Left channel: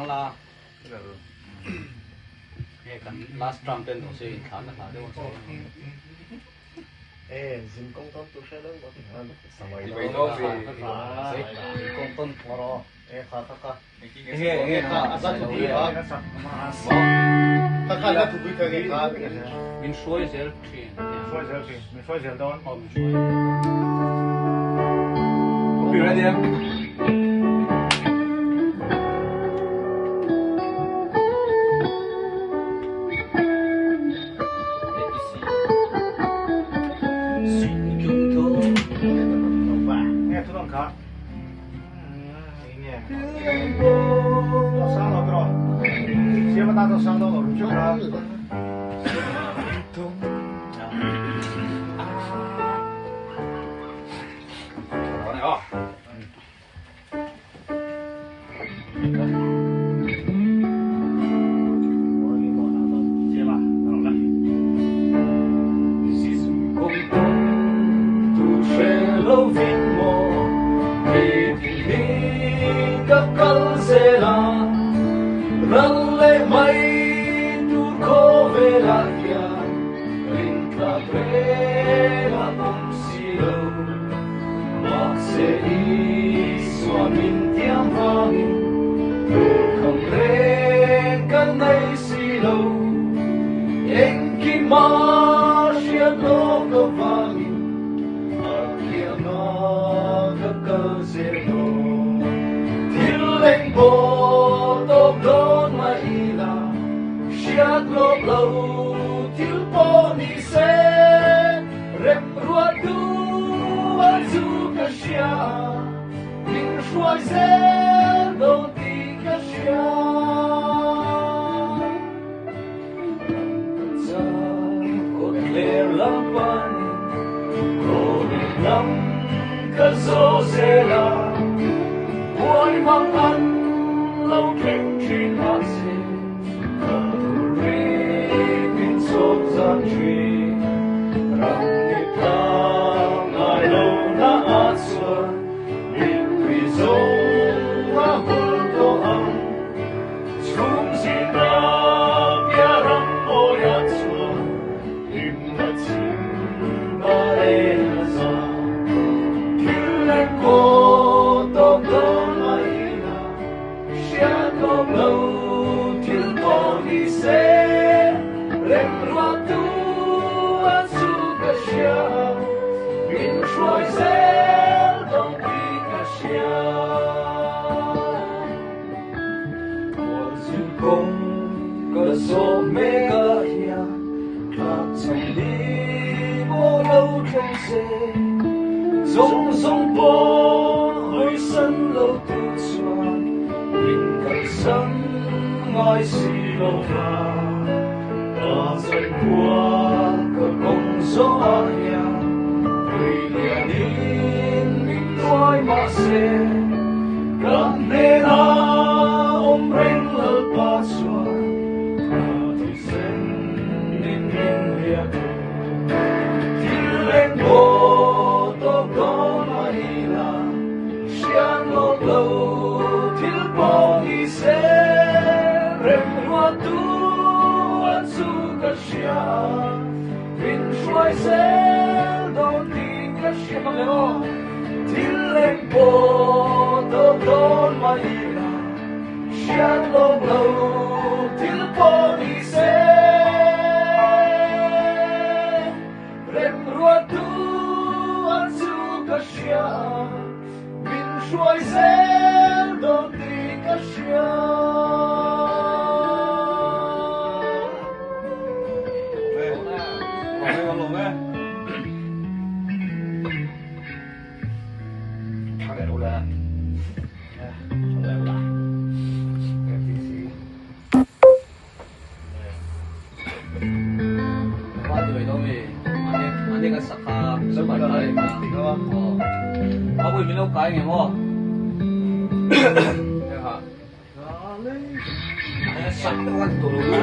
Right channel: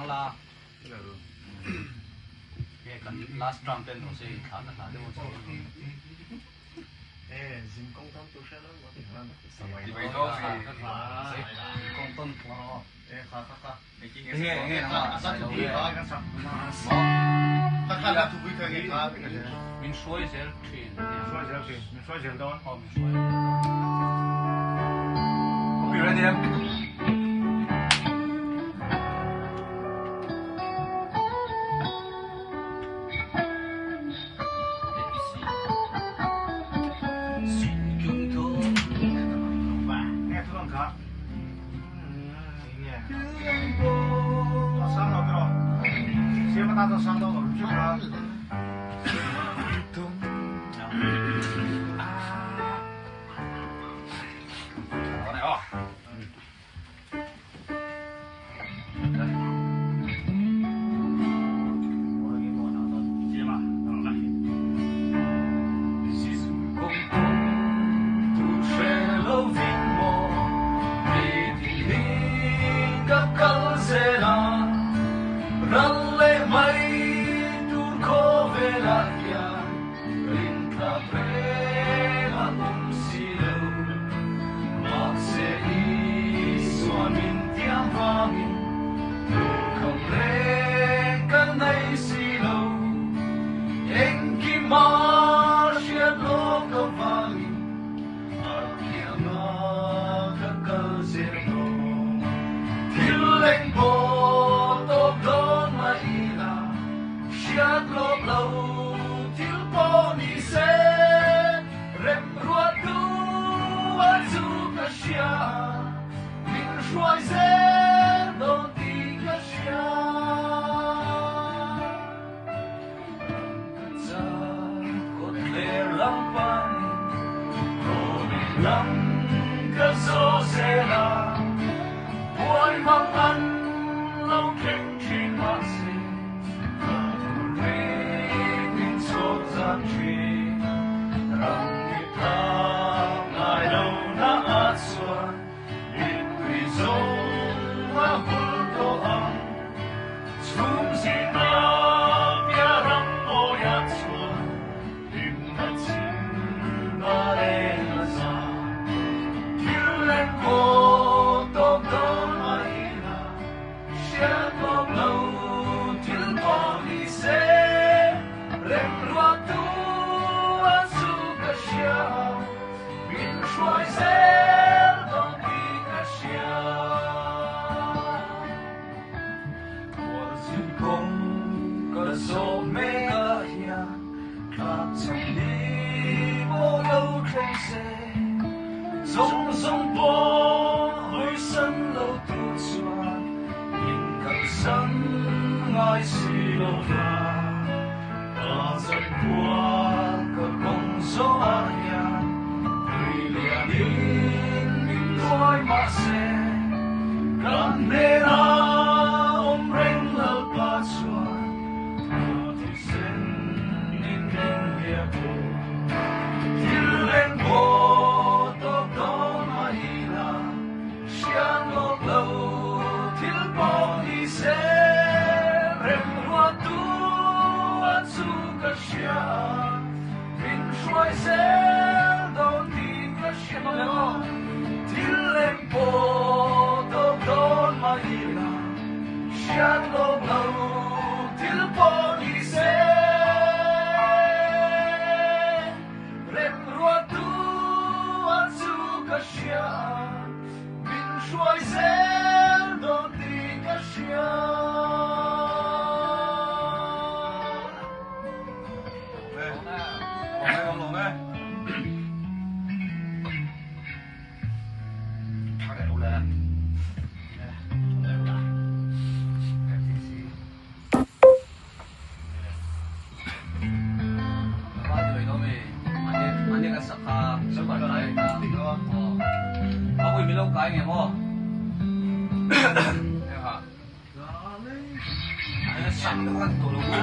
thằng la cái cần last round tên của gì khá là đấy một số xin công công tôi sẽ lớn một tình hình vì vậy nó vì công công vào khá tất cả nghe rất là vui đó tất cả là tụi cái cái mình xuôi giờ mình xoay giờ đó mình xuôi bị ra đi em Hãy subscribe cho kênh Ghiền Mì Gõ để không bỏ lỡ những video hấp dẫn.